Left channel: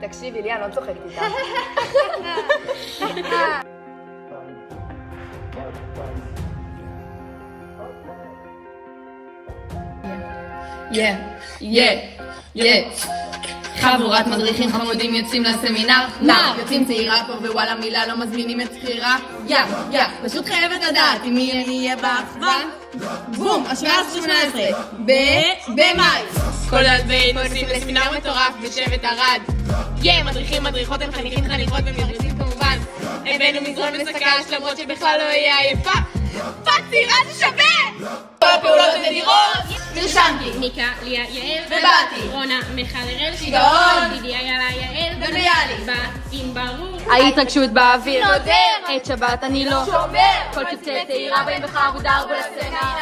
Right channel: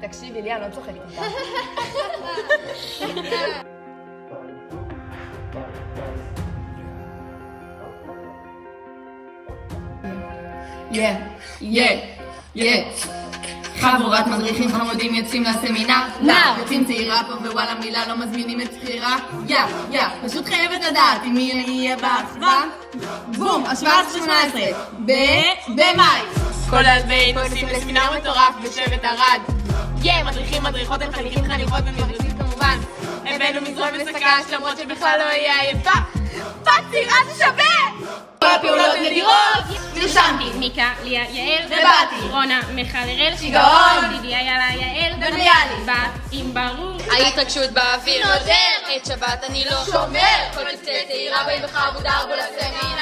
תקשיבי לי, אני לא צוחקת איתה. חבורת מדריכים חמודים יוצאים לסמינר, יוצאים צעירה פה ווואלה מילה לא מזמינים את סחירה, פשוט חייבת לדעת אם מי יהיה באחווה, בום, השבעה 18 במאי. כל אלפי נוסעים לסמינר מטורף בשבט ערד, מדריכים, מדריכות, הם חניכים, חניכות ומדריכים כמובן, הבאנו מזרום וסקש למרות שבכלל לא יהיה עייפה, פאק צעירה זה שווה! כל הפעולות נדירות, נרשמתי. ניקה, ליה, יעל ובאתי. רונה, מיכל, הראל, שיגעון, דידיה, יאללה, יעל וביאלי. בת עם ברור. ההתרגשות באוויר, חוזר. את שבת אני לא שובר. כל צוותי הצעירה בין בחר מודר בלסמינר.